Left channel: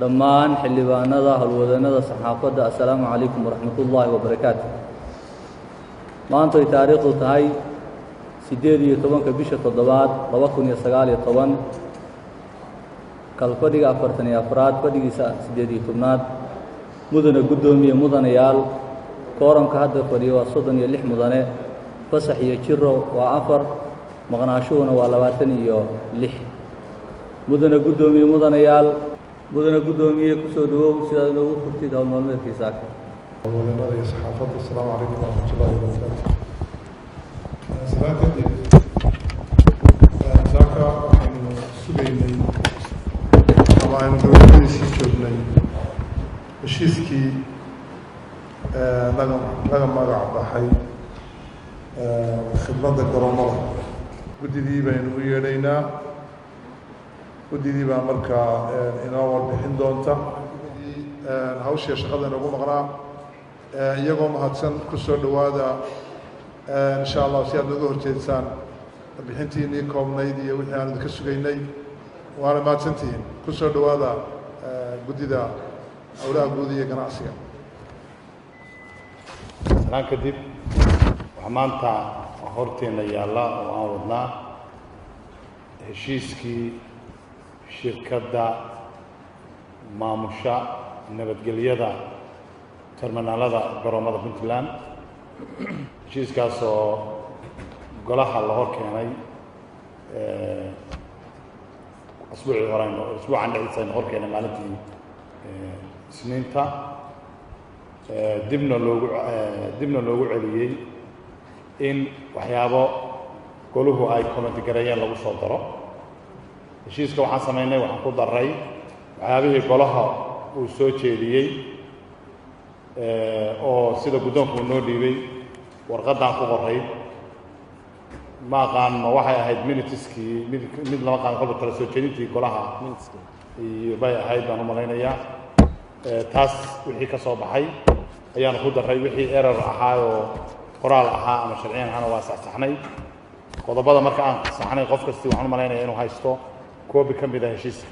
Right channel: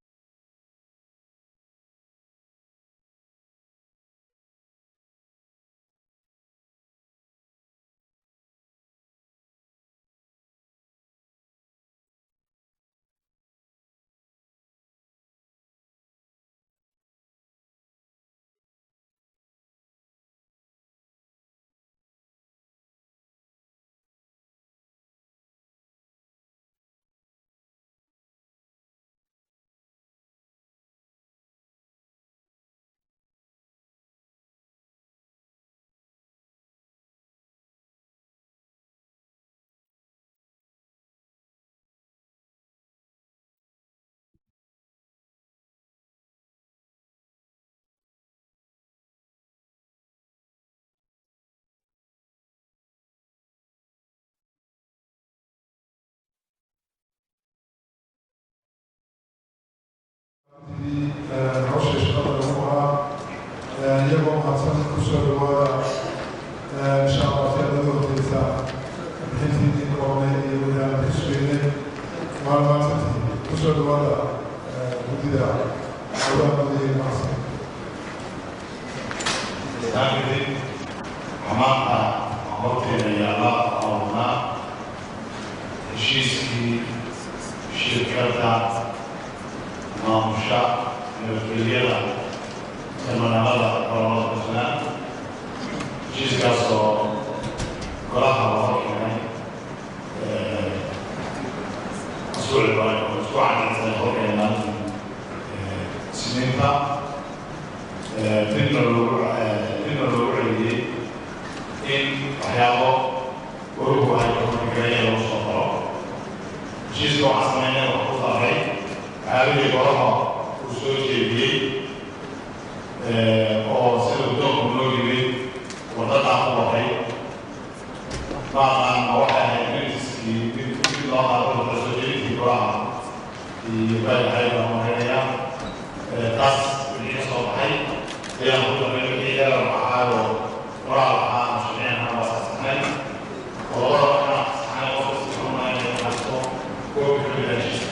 dhammaan xildhibaanada howlwadanada saxaafadda assalaamu calaykum waraxmatullaahi wabarakaatu. maanta ay taariikhdu tahay 18 bisha 7 2019 kalfadhiga 44aad fadhigiisa 18aad mudane gudoomiye mudanayaal kooramka hadda fadhiyo waa 36 mudane fasax iyo jiro waa 4 maqnaashuhuna waa 26 mudane gudoomiye mudanayaal mudane gudoomiye ku soo dhawow sida inuu furtid hawl maalmeedkiisa howlwadanada iyo saxaafadda assalaamu calaykum waraxmatullaahi wabarakaatu. salaadii saaka waxaynu sugaynay ama aynu gabagabadiisii joognay heshiiskii laga magac baxay khidmadda garoomada. guddidii baynu u yeedhaynaa. guddidii baa markaa inoo warbixin doonta hawsha shaqada lagu maraa iyagoo mahadsan ku soo dhawaada insha allah si aad naga horjeedtaan bixintiinii koobnayd iyo wixii aan ka sugaynay waana mahadsantihiin. ku soo dhawaada guddida howlaha badi iyo ganacsiga. amaanta horteeda yaalla awdaa heshiiskii shirkadda maamusha nabadgelyada magaalada garoomada puntland heshiiskaasoo golaha loo keenay usbuucan horkeenaan isniinta dibna loogu celiyey in waxyaabo goluhu ay hortigaraya lagu soo daro. heshiiska waxaan sameynay wax ku daray caadadii golaha uu soo jeediyey oo sida guddoonka noo dhiibay warqadaan ku qoray ma aqaan ma waxay ahayd unitiskii mid noo qaadada soo jeedintii golaha iyo baydaayada marinaya taas wixii ka soo baxay ayaan ku daray wixii erar ahaa oo qoraal ahaa aan sharciyan waa saxnay qodobada markaan saxnay qof kasta waxaan u malaynaya inuu haysto koobi ka mid ah heshiiska.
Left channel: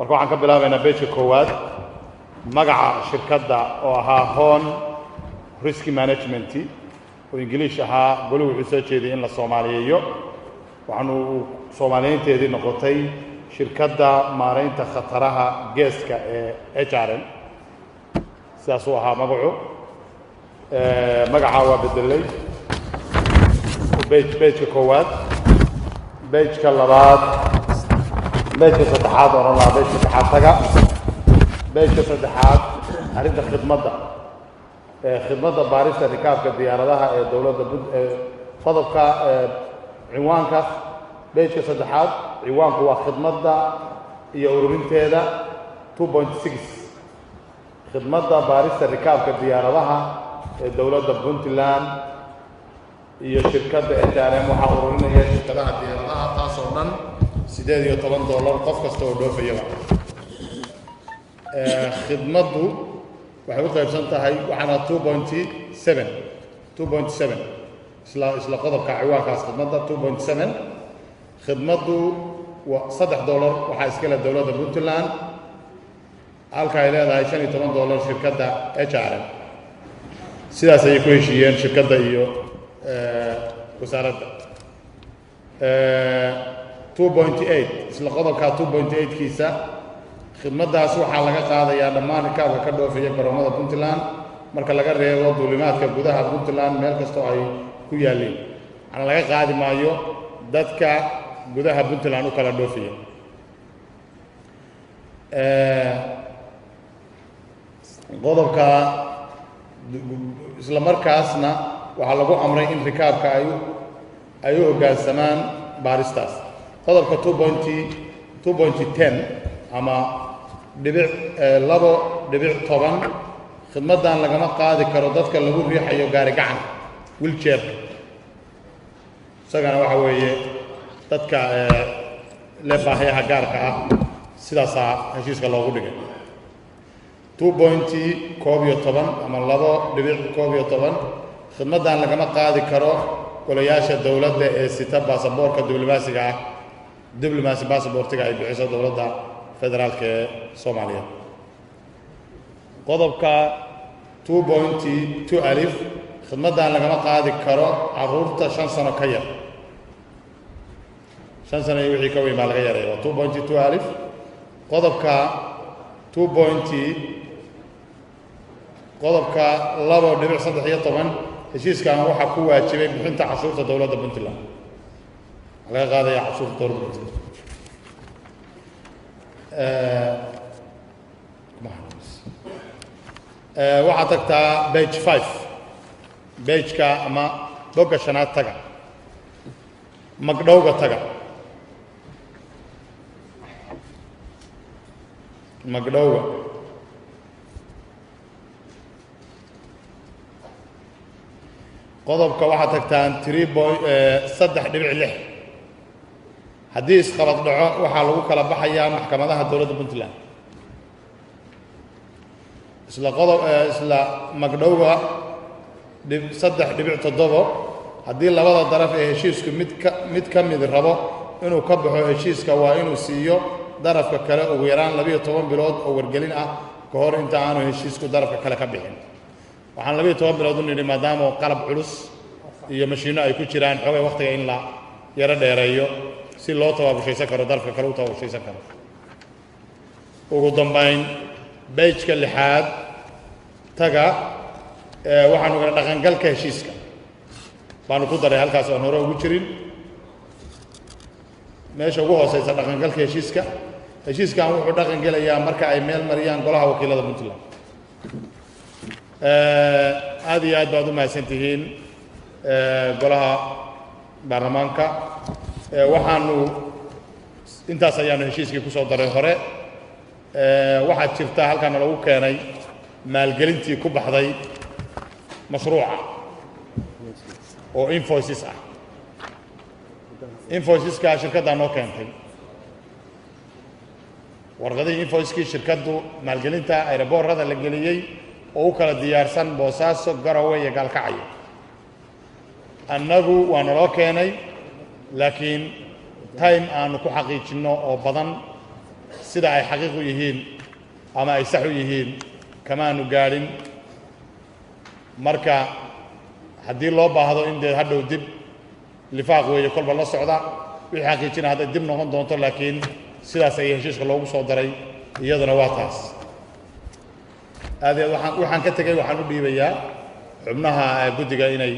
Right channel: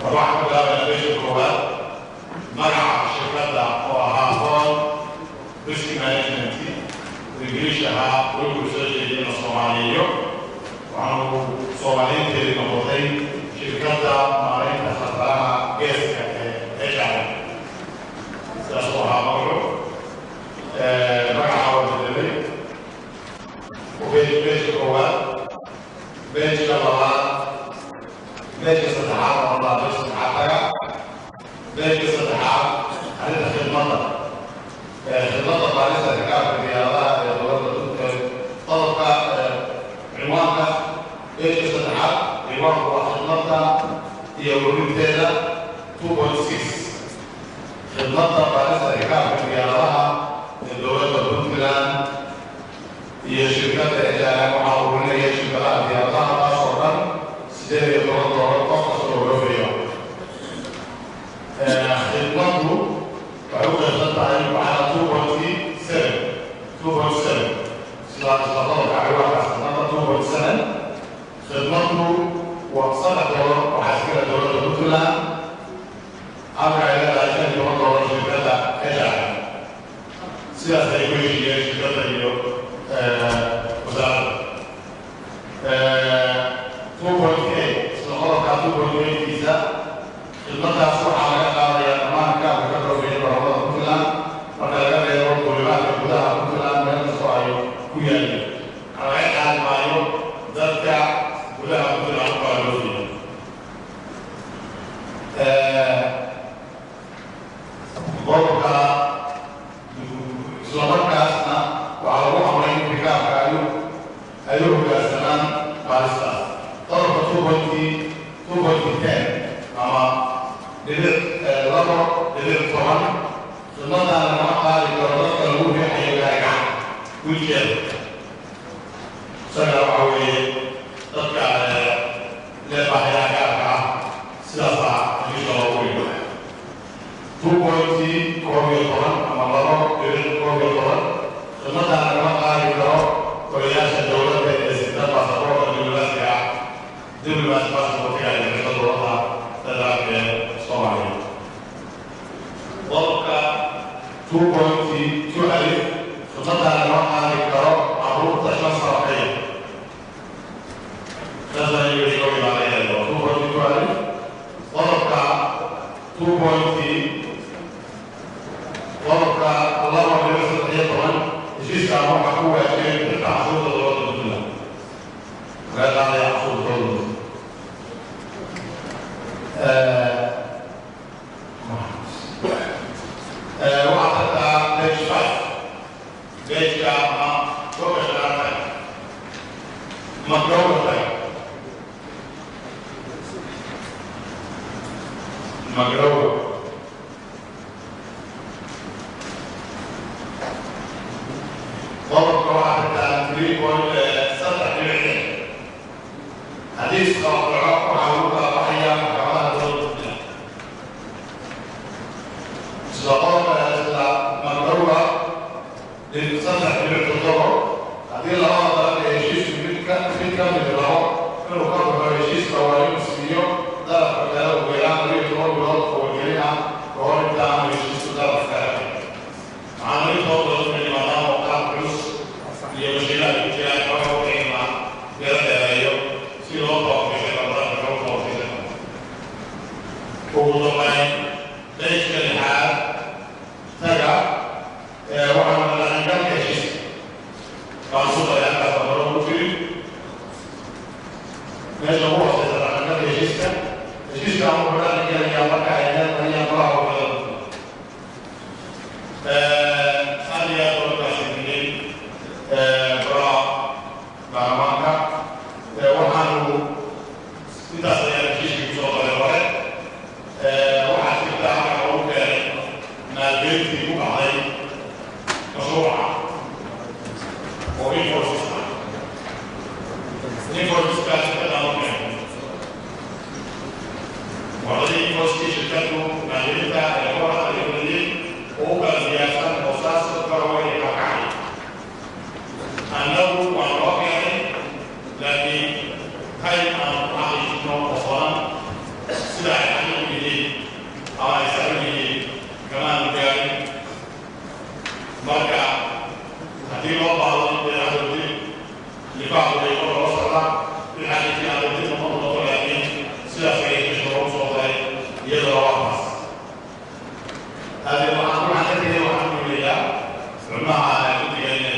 waxaan ka bilaabaynaa beesha koowaad magaca shirkadda oo ahaa Hon Risk Management oo ingiliish ahaa goluhu wuxuu soo jeediyey in la soomaaliyeeyo waxaanu soomaaliyeynteedii noqotay shirkadda maaraynta khataraha geeska ee HRM sidaas uu ahaa magacu. magaca waa bedelay beesha koowaad beesha labaad beesha saddexaad oo dhanaa beesha saddexaad taga beesha saddexaad arrinta khidmadda baarista rikaabka diyaaradaha ee dowladda qodobka cinwaanka beesha saddexaad cinwaanku waa khidmadda iyo ururinteeda 2.6 khidmadda baarista rikaabka diyaaradaha ee dowladda puntland iyo shirkadda HRM waxaa ururinaya shirkadaha diyaaradaha taas oo dhan $18 qof kasta oo loo fiiro. khidmaddu waxay u qaybsan tahay waxaa 2.7 isla qodobka ciwaankaas khidmadda 2.7 khidmaddu waa $3 waxaa iskale dowladda puntland halka ay leedahay $15 shirkadda HRM. sidaas ayay ku heshiiyeen shirkadda iyo wasaaradda. 2.8 isla qodobka 2.8 kiisa khidmaddaas waxaa laga qaadayaa dhammaan kaaba ka doorfilay garoomada puntland marka laga reebo duulimaadka gudaha puntland meel kastoo ay ku yaalliin ana laga qaadi maayo dadka gudaha puntland u kala doorfilay. qodobka isla markaasna waxaa lagu amray in rikaabka ay u hoggaansamaan baaristaas. qodobka 2.10 ama $2.10 khidmaddan lagama qaadi karo dadka lagu riixayo gaari gacan wheelchair isagana waxa weeye dadka le baahiyaha gaarka ah sidaasaa heshiiska loogu dhigay. 2.11 ama $2.11 khidmaddan lagama qaadi karo golayaasha dowladda ee sita baasaboorka diblomaasiga baasaboortiga ay bixiso dowladda Soomaaliya qodobka 2.2 alif khidmadda lagama qaadi karo carruurta 5 sano ka yar 5 sano iyo wixii ka weyn baa laga yaabaa 2.2 alif qodobka 2.2 qodobka 2.13 heshiiskana waxaa ku waajibay bixinta cashuurta dowladda Puntland laga qaadaya cashuurta dowladda Puntland waxaa tagtaa page 5 pageka ama bogga shanaad tag magdhowga taga magdhowga qodobka waxaa tagtaa 3.3.6 haddii isqalad dhaco waxaa lagu kala baxayaa maxkamadaha dowladda Puntland isla magdhowga 3.7 haddii labada daraf ee heshiiska mid ka mid rabo inuu ka baxo heshiiska waa inuu siiyo darafka kale ugu yaraan 12 bilood oo wargelin ah ka hor inta aanu heshiiska darafka kale ka bixin waxaan 12 bilood u yidhi maadaama qalab culus iyo mashiino ay ku jiraan xoog waqtiga in la yaro dheereeyo si loo tababarkiisan karo darafka kale u tababarkiisan karo ugu dambayn bejka 6 taga waxaan wada dhaqangalka heshiiska baan ku daray halkaas oo hore ugu jirin meesha ugu hooseysa dhaqangalka heshiiskan wuxuu dhaqan gelayaa marka ay meel mariyaan golaha wakiilada Puntland aad iyo aad baad u mahadsantihiin golaha baarlamaanka waxaanu intaas ayaan heshiiskii kusoo daray hore waxaad jirta halkan lagu keenay maalgelintii ku baxday mashruuca oo invoices ah invoiceska shirkadda noo keentay warqadii invoicekii shirkaddu maalgelinta aeroboorada la geliyey oo u kala diyaarsan Boosaaso Garowe iyo Gaalkacyo annagu waa naloo keenay laakiin time aan ku xaqiijino oo badan sida ay xaqiiq u yihiin ama ay sax u yihiin kamaanu gaarin marka haddii loo baahdo in dee hadhow dib lifaaq weeye kolba la socdaa wixii xaqiijina hadday dib noqon doonto laakiin sidaas ay heshiiska loogu soo daray iyaduna waa kaas waxaan ka tegay waxaan u dhiibayaa xubnaha guddiga inay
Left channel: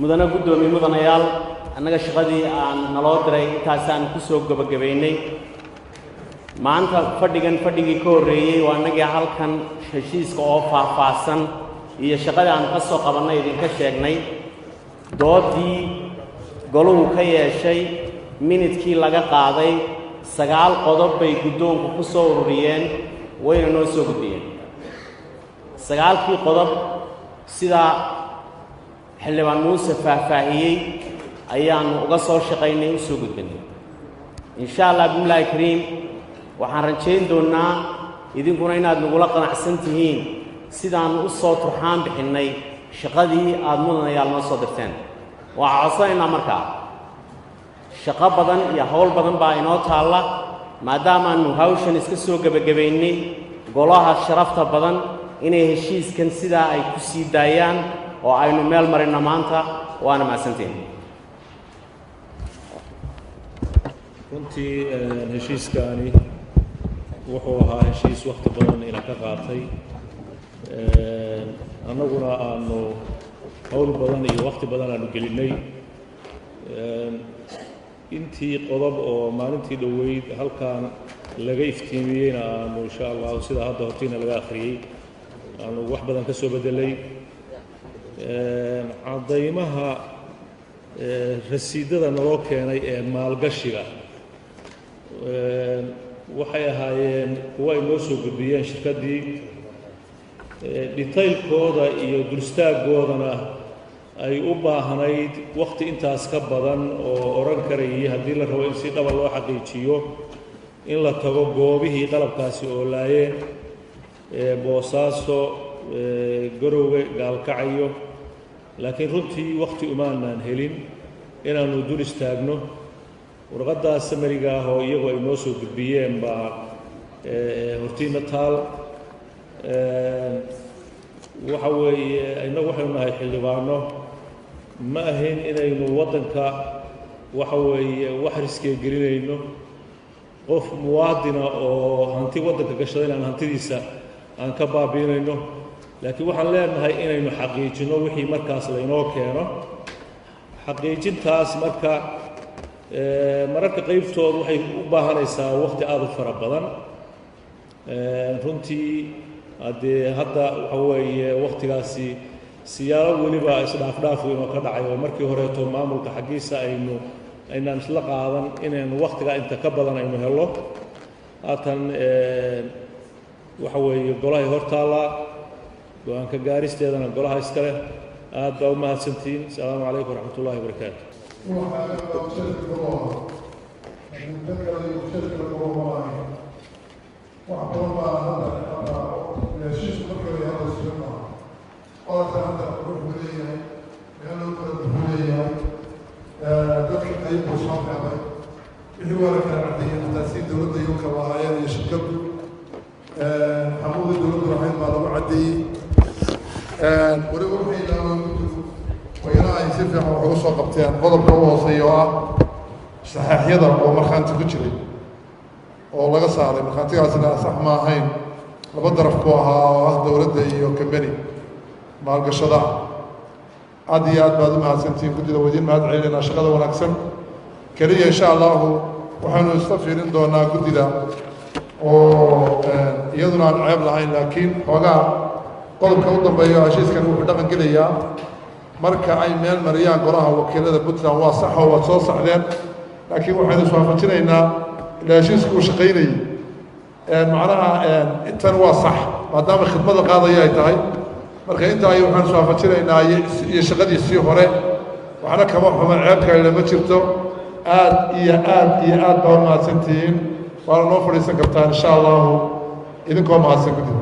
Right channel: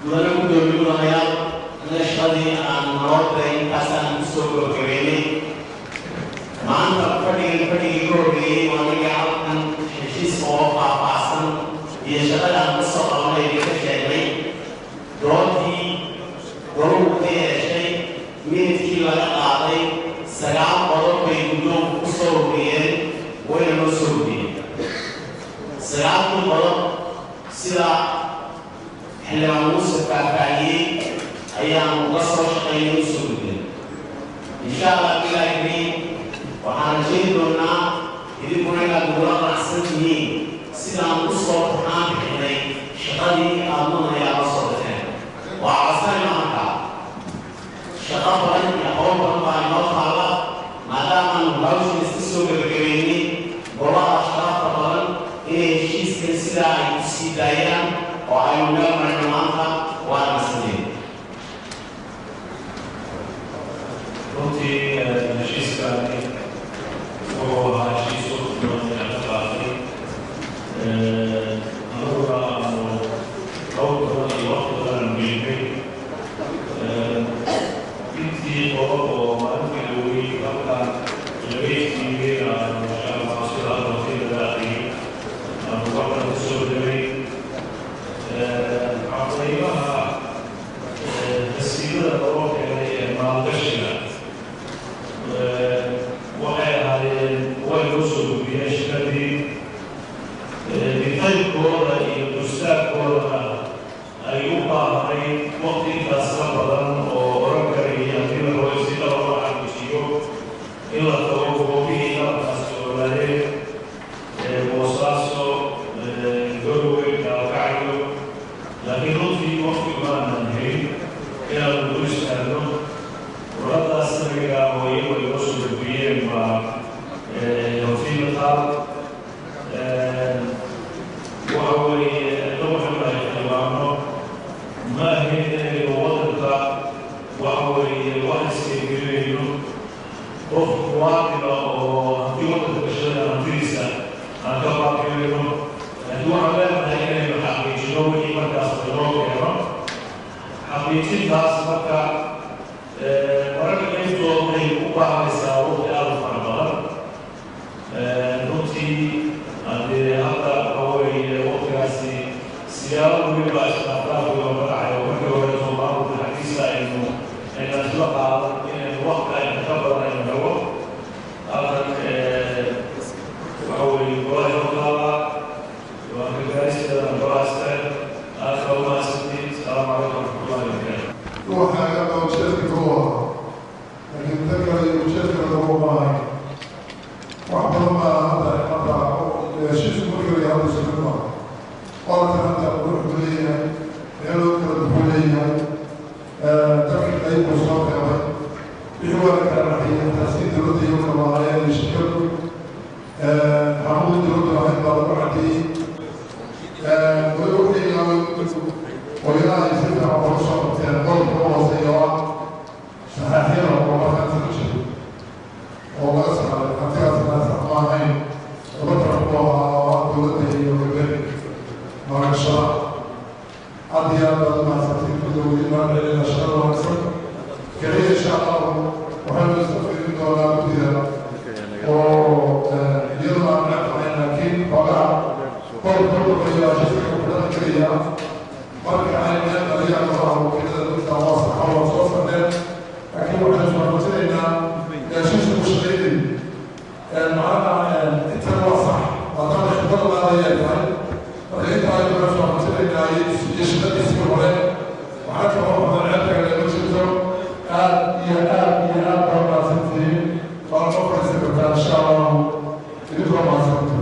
mudane gudoomiye mudanayaal annaga shaqadii aan naloo diray intaasaan ku soo gabagabeynay maanta fadhigii ka horreeyey waa annagii halkan heshiiska oo faahfaahsan iyo shaqadii aan ka soo qabanay idinka sheegnay doodii goluhu ka yeeshay minidkii laga qaaday 9 qodob bay guddoonku ku soo ururiyeen wayna noo soo ururiyeen 9kii qodob sidaa xildhibaan muuse faahfaahiyey ayaanu uga soo shaqaynay u soo ururiyey insha allah billahi kariim waxaan rajayn doonaa idinkuna inaad nagula qanacsan tihiin sidaan u soo tarxaan bixinay shaqadii aad mudanayaal noo soo dirteen waa codsanaynaa markaa shaqo badan iyo hawl badan baa inoo taalla maadaamaanu hawshan iska soo gabagabaynay golaha sharafta badan inay heshiiskan sidaa ay ku sii daayaan oo aynu meel marino maanta waana mahadsantihiin runtii heshiiskaani wuxuu ahaa heshiis waqti badan ka qaatay annaguna aanu hawl badan iyo waqti badan aanu gelinay intii qodob oo maalintii la weyn halkaan laga iftiimiyey aanu insha allah sida hadda martida laga aqriyey aanu wax badan ka soo bedelay cadaymaha rasiidada loo keenay ee maalgashiga waxay ahaayeen way noo soo gudbiyeen shirkadii qaybkooda iyo dustaaggoodana ay u baahnayd waqti intaas ka badan oo oran karayay haddii la si kala loo xaqiijiyo in la tago goobihii qalabkaas oolaayeen Boosaaso Garowe Gaalkacyo laakiin runtii waqti umaanan jirin inaanu dul istaagno warqadda samariga oo iyagoo inoo soo gudbiyeen baa hortiina taal waxa weeye loo xirmayo xildhibaano ma ahayn inaynu waddanka waxa weeye wax iskeegirinayno qof muwaadina oo hanti waddanka gashadana hantidiisa aan ka baabiinayno laakiin waxaan leenahay inaynu xaqiijino wixii markaas laynoo keeno xaqiijintaas marka mararka qaybtooda waxay u baahanaysaa waqti aad u fara badan runtii haddee hadda waxa weeye waqtigaasi siyaabo weliba isdhaafdhaafi waa magacayo markii horeeto maamulka xaqiisa aynaan isla qaadan inaynu waqtiga inta ka badan aynu helo halkan waxa weeye golaha hortaala ka gaaristeedana golaha iskale aad kaba mahadsantiin asalaamu calaykum waraxmatullahi wabarakaatu waxaan ka ujeedka koowa laakiin dadka ujeedka koowa maahay wax badan baa hadda heshiisku markii la hadla isku maa qolka hadda wuxuu leeyahay meeloo kala wuxuu leeyahay dadka qaybku soo qeybay wixii waa kala raxiyay taasi dowladda iyo kalawaayeen iyo shirkadu xamuud dowladda ahayd baa lagu cadeeyey waliba wixii ويلاقي جدا عروسة قبتين قلب هو سيارة صحيحية أو مرخان تبجري أو لغسا لكانتي عزيزنا سحما هين وبدر فقوها دولده وكبري مع القشرة عديان بعد ما سنتي كل ودي بعد عيننا شغل ونكسب كريه إن شاء الله وحنو نستفيد دونا كتيرا ويدنا عن عيب لعين لكن وقع قلب كوضا بيا عشيس كنو بدقن كليا marka ay meel mariyaan golaha wakiilada Puntland waa sax oo soo saxdeen laakiin waxaan isoo fajinaynaa ilaashiisku shaqeynay macnaha intan waa sax maadaama khidmada qaadaya ay tahay marka inta ay waxaan isoo fajinaynaa iyo shaqadiisii hore waxna kama xuman ceebka ay lama jirto aad iyo aad baa mahadsantihiin waa loo fadhiisan kartaa insha Allah idinkoo mahadsan kartaa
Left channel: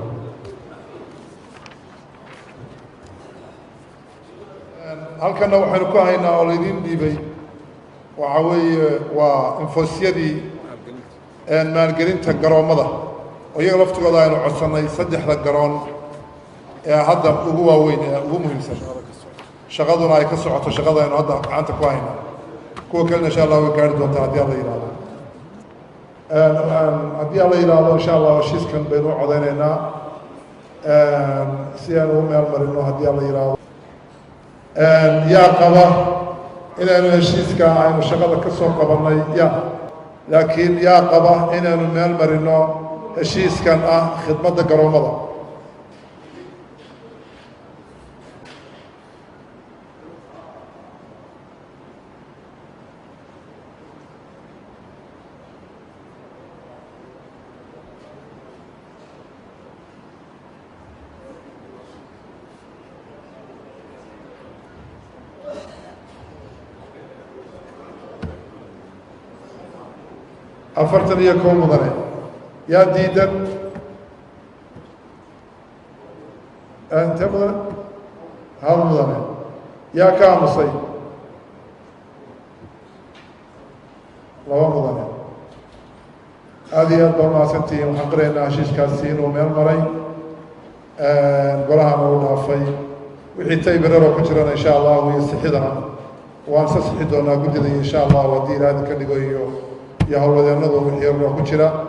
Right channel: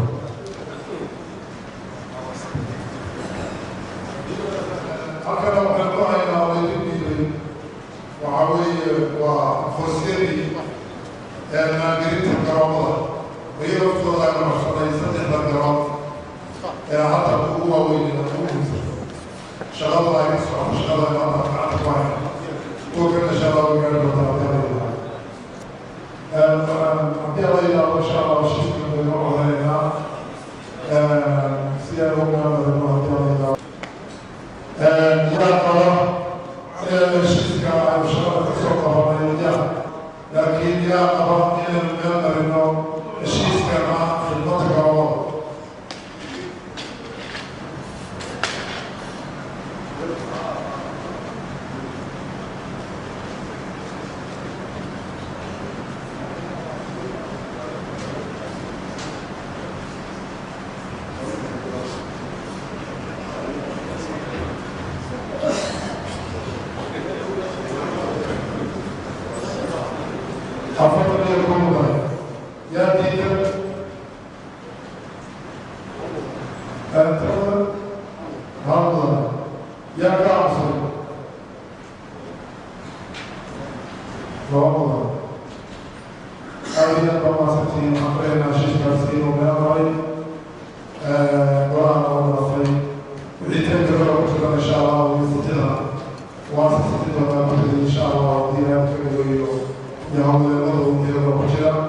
halkana waxaan ku haynaa oo laydin dhiibay waxa weeye waa infosyadii maalgelinta garoomada oo iyaga laftigooda aynu codsannay 3 garoon ee hadda ugu waaweyn ee ugu muhiimsan shaqaduna ay ka socoto shaqada aynu hadda gacanta ku hayno kuwa kalena insha allah way gaari doontaa haddii alla yidhaahdo haddii alla yidhaahdo insha allah heshiiskan baynu codeynaynaa si aynu u meel marino haddii alla yidhaahdo yaa qaba inaynu heshiiska aynu shaqada ka soo qabanay laakiin yaa qaba inaynu meel marino heshiiskan ah khidmadda garoomada أفرتني يكون مدني يا ديدا أنت مدني هل مدني يا كامصي وهو مدني هذه أربع سنتين أقرأنا شيش كاسين ومن مرين وراها موضوع في وحيتي بدروا كتيرا إن شاء الله ويستحدنا وأنصحنا كتير إن شاء الله ودينا كل يا هو ذا النظر يروى كتيرا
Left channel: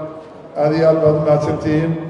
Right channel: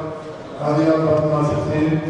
هذه أربع سنتين